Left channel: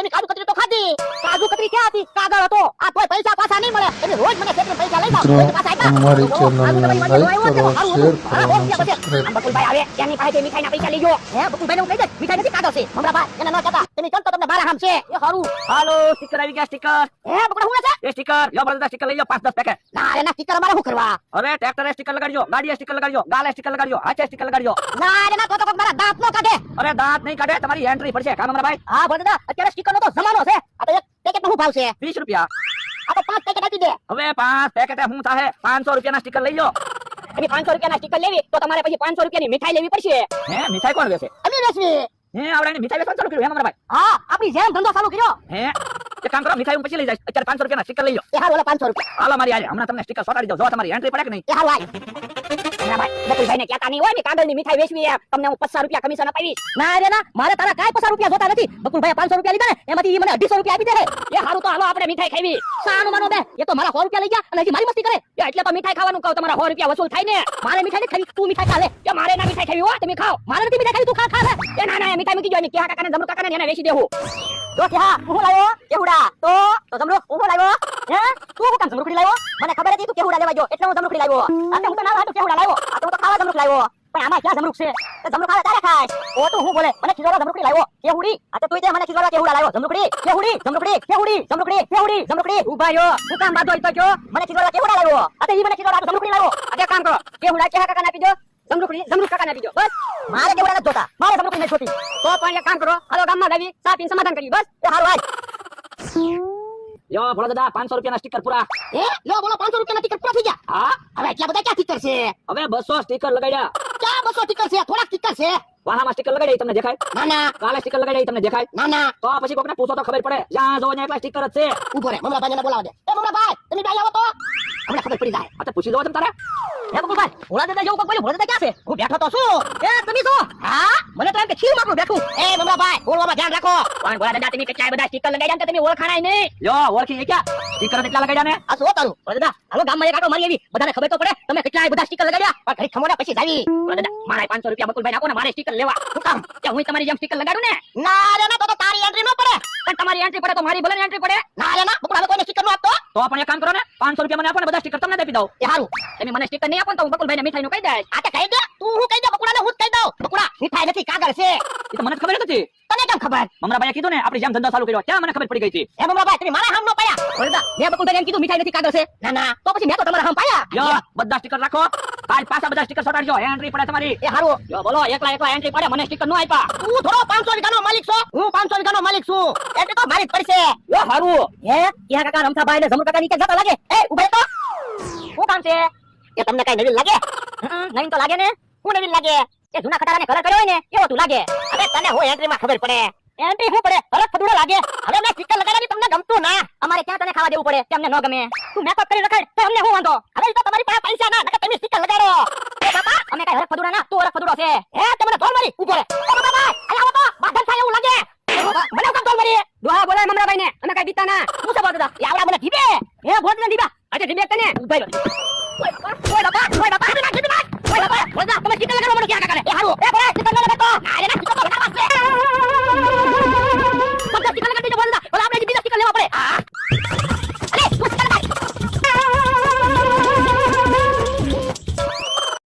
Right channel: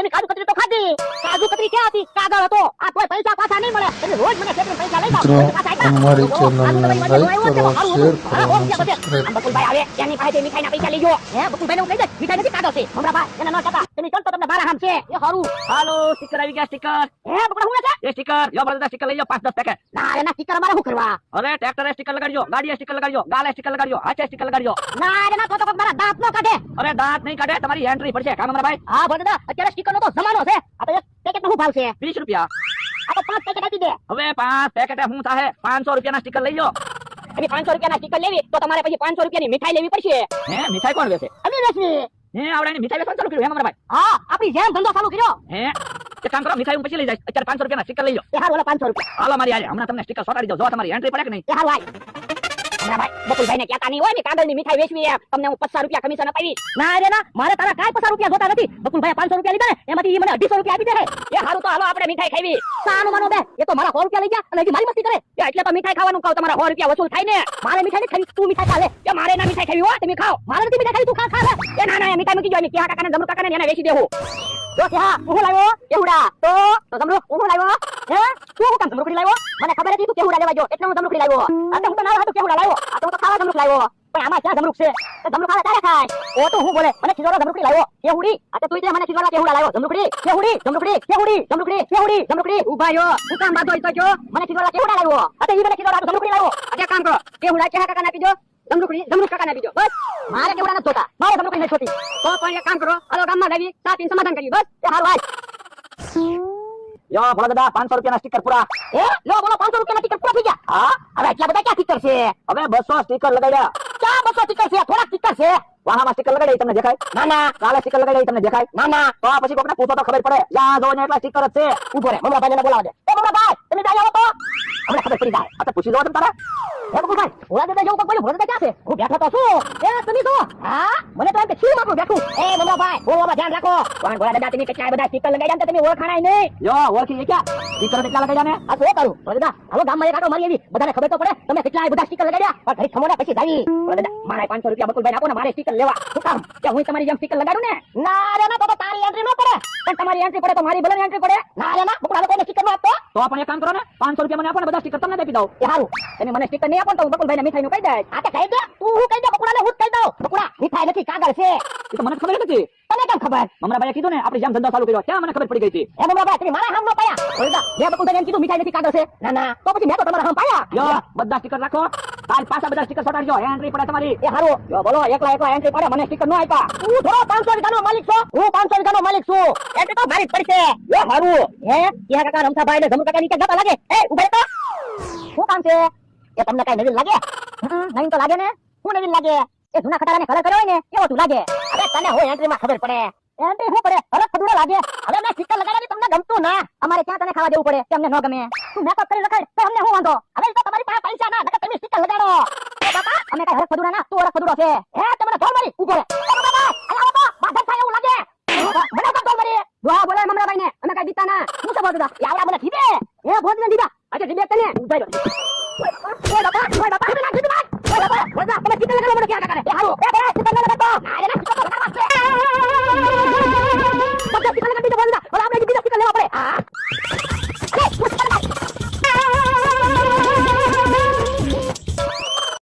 તમે કાજુ કતરી તો ખાધી. કાજુ કતરી ક્યાં હતી? કાગળ હતો. આ કોઈ પૈસા પાછા નહીં મળે. તમે રોજ મને કેટલા પૈસા લઈ મિત્રો જાઓ. અમારી ચેનલને લાઈક કરો, શેર કરો અને સબસ્ક્રાઇબ કરો. બકુલભાઈ આવે એની પાસે મીઠાઈના પૈસા લઈ ગયો. હે બકુલભાઈને હું લઈ જાય. મીઠાઈ નથી ખાધો છે. મમરાભાઈ એને ન કહેતા. તમે ચલ તો તમને બારા હામ છે. એ હારું. હાલો સ્ટીકર આવી ગયા સ્ટીકર. હે બકુલા હું છે? એ સ્ટીકર યો બધા સ્ટીકર લઈ જાઓ 5-10 પેકેટ. ના એના સ્ટીકર અમારે શું કરવા? અરે ટ્રેક્ટરે સ્ટીકર લગાડજો, ગાડીએ સ્ટીકર લગાડજો, ગાલે સ્ટીકર લગાડજો, હાથે સ્ટીકર લગાડજો. ના એના તો મારા દાંત નો કાઢે. અરે દાંત નહીં કાઢે, તમારી એન્ટ્રી પડશે. કામ અમારા ભાઈ હા બોલ દાદા અત્યારે સ્ટીકર નો તો જમાનો છે. આ તો એક પેકેટ નો શું ભાવ છે? 20 રૂપિયા. આ તો 5 પેકેટ આપી દે. હવે 5 પેકેટે હું થાહે 500 રૂપિયાના સ્ટીકર લઈ જાઓ. અને 500 રૂપિયાના સ્ટીકર લેવી તો તમારે પછી 500 રૂપિયાની મીઠાઈ લેવી પડશે. હે મીઠાઈ કોણ વેચે? અમે વેચવી. હે આવડાની મીઠાઈ વેચવાનું ચાલુ કર્યું હે અમારા ભાઈ? હા આપણી જેમ ધંધો ચાલુ કર્યો. હે એક કામ કરો, મીઠાઈ હું પછી લઈ જાય. અત્યારે 500 રૂપિયાના સ્ટીકર લઈ જાઓ. એ હારું ઓલા 500 રૂપિયા. હાલો મારી આલે હમણાં તમને સ્ટીકર સોટાડી દઉં. જો તમારી એન્ટ્રી પડે કે નહીં? એ હારું આય. ના ભાઈ બકુલભાઈને કહેતા નહીં હોય ને કાંદળની મીઠાઈ વેચવી એમ. તમને હું 50 રૂપિયા કમિશન અપાવી. ના રે ના મારે તારા કાંઈ 50 રૂપિયા જોતા નથી. બકુલભાઈ 500 રૂપિયા લીધા ને એમાંથી ઈ મને 250 રૂપિયા આપી દે છે. એ હારું તો હાલો આપણે મીઠાઈ ખાવી. સાનું માનો બે એ તો મારા 100 રૂપિયા લઈ ગયા અને હજી મારી મસ્તી કરે. એ એટલે તો મીઠાઈ ખાવાનું કહું તમારા 100 રૂપિયા વસૂલ થાય ને. મારે મીઠાઈ નથી ખાવી, તું મીઠાઈ ખા લે. એ મારે ના મીઠાઈ ખાવી હોય તમે ખાઓ. મારે નથી મીઠાઈ ખાવી, તું ખા ખા લે. એ ના ના એ મીઠાઈ મૂકી જો ને ક્યાં કાકાને જમરૂ કાકાને એને વેચી દેવું. જો ક્યાં હું લાવ્યો કેવડા તો જમરૂ હું લાવ્યો. હે તું કામ જમરૂ લાવ્યો? મને ખબર હતી તું કેવડા લેવા જો એટલે હું જમરૂ લાવ્યો. આ તો હું તો ના હતું કેવડા લાવ્યો. આ તો હું તો ખાવા જમરૂ લાવ્યો. પણ આમાં ક્યાં જમરૂ છે? જમરૂ ખાવા તારે ખાય. એ તો હું બોલે મને ખીજોરા જમરૂ લાવ્યો. કેવડી આ તો તું દે મને ખીજોરા કેવડા લાવ્યો. જમરૂ કેવડી ઉભા યો તું કામ બાદો ઈ તો કયો મને ખીજોરા કેવડા લાવ્યો. આ તો ઈ મને ખીજોરા જમરૂ લાવ્યો. આ કામ કરો કેવડા કે કાકાને આપી દો. જમરૂ કાકાને આપી દો. બસ મારે કેવડા નથી જોતા. મારે જમરૂ નથી જોતી. તો પણ એક કામ કરો હાલો ગામમાં લાવી ચા પીને સમાધાન કરીએ. બસ એ હારું આય. યો ભોળા દાદા 500 રૂપિયાના સ્ટીકર પૂરા. એ લો બોલો 500 રૂપિયાના ટિકિટ પૂરા થઈ ગયા. હા હવે એટલા બધા ક્યાં ટિકિટ છે? હવે 200 સ્ટીકર લગાડ્યા. ક્યાં 200 ટિકિટ છે? થોડા ટિકિટ છે. વાહામાં સ્ટીકર લગાડી તમને દેખાય? ના ના કાલે સ્ટીકર લગાડી તમને દેખાય? ના ના તો આ પછી કોકને પૂછો તો ખબર પડે. યા જો ને એકલા સ્ટીકર જ છે. ઉભો રે મમરાભાઈ ને બોલાવા દે. એ મમરાભાઈ તમે બે આવો તો અમને ખબર પડી જાય. આ તો પૂછી દો તમે તારે. હે બકુલભાઈ ભોળા દાદા જેવું કોઈ બોલ્યું. ભોળા દાદા ક્યાં છે? હું બેઠો તો છું. એ તમે છો? હા મને તો એમ કે છીલ મારું બેઠું. એ મમરાભાઈ બોલવામાં ધ્યાન રાખો. પણ ભોળા દાદા તમે કેટલા બધા સ્ટીકર લગાડ્યા ને તમે ઓળખાણાય નહીં. યો ઓળખી ક્યાં સ્ટીકર કેટલા લગાડ્યા ને? આ શું કરું ભોળા દાદા? હાલો ગામમાં એક આટો મારી આવી. બધાને ખબર તો પડે તમે કેટલા બધા સ્ટીકર લગાડ્યા. પણ ઘડી ખમોડા પછી જાવી. ભોળા દાદા મારે 500 રૂપિયા બકુલભાઈ આપો ને મારે સ્ટીકર લેવા. શું કામ કે હું તમારી જેમ સ્ટીકર લગાડું ને? ના રે ના તો તારી એન્ટ્રી ન પડે. પણ તમારી એન્ટ્રી પડે તો મારી ભલે એન્ટ્રી પડે. ના રે ના બકુલ કોઈને સ્ટીકર નો આપતો. તો પણ એક કામ કરો ને 500 રૂપિયા મને આપો ને બધા સ્ટીકર તમને આપી દઉં. એ હારું તમે મને સ્ટીકર નહીં આપો તો હું બકુલભાઈને મીઠાઈ નું કહી દઈશ. આ તે કહી દે તું હું કહી દે બકુલાને હું જ કહી દઉં. બકુલા મીઠાઈ નથી કાગળ છે. એ તો મને ખબર નથી. તને કેમ ખબર? મમરાભાઈએ કીધું ને આપણી જેમ ધંધો ચાલુ કર્યો ત્યાં મને ખબર પડી ગઈ હતી. એ મમરાભાઈ તમે મારા હામ નો પાયા. ઓરડા મેં બકુલભાઈને એમ કીધું મીઠાઈ નથી કાગળ છે. ના ના તો પછી મેં તો તમારા હામ પાયા. યો બધા સ્ટીકર રાખો. આજ પાછા બધા સ્ટીકર સોટાડજો. એન્ટ્રી પડે તમારી. એ હારું જો બોલો એકલા એન્ટ્રી પડે મને સ્ટીકર નો આપ્યા. તું થોડો 500 વીઘાનો માલિક છો. હું 500 વીઘાનો માલિક છું. એન્ટ્રી તો મારી જ પડશે. એ હારું હે ક્યાં કાકા રમસાભાઈ ને જમરૂ કાકા ની કે જતા લાગે. એ ઉભા તો શું કામ છે? એ તમને કઈ નવીન લાગે? નવીન તો લાગે ને. હું નવીન લાગે? એ જૂના ખટારાને કલર કર્યો હોય ને એવો તું લાગે. અરે તને હું એન્ટ્રી માં ખબર પડે. એન્ટ્રી શું પડે? હરખ ફદુડો લાગે. હવે મેં સ્ટીકર લગાડવાની તમને ગમતું ના. અમારે ક્યાં તને ખાવા દેવું પડે તેમને ન ગમે. તું મેકઅપ કરી રખાય તો અમને શું વાંધો? હવે તો તમારી પાસે પૈસા ના નકર તમે સ્ટીકર લગાડો. કાકા અમે કઈ હરખ ફદુડા ના તું હરખ ફદુડો છે. હે તમને ધોલ મારી ઉપર બાબા આયા તો બાધન થાય એવું લાગે. મને તો ધોલ મારી દોહા બોલાય મમરાભાઈ ને અમે કઈ બીતા ના. શું છે બોલતા? યાવડા મને ધીબે. એ ભોજ ને ધીબા. આજે ધીબે તને ઉભાઈ રહ્યો. ઓય બાપા ઓય બાપા ઓય બાપા ઓય બાપા તમે સ્ટીકર લગાડો મને ક્યાં કાકા ને. એ હાલો એ ભાઈ સ્ટીકર ન લગાડતો. ના રે ના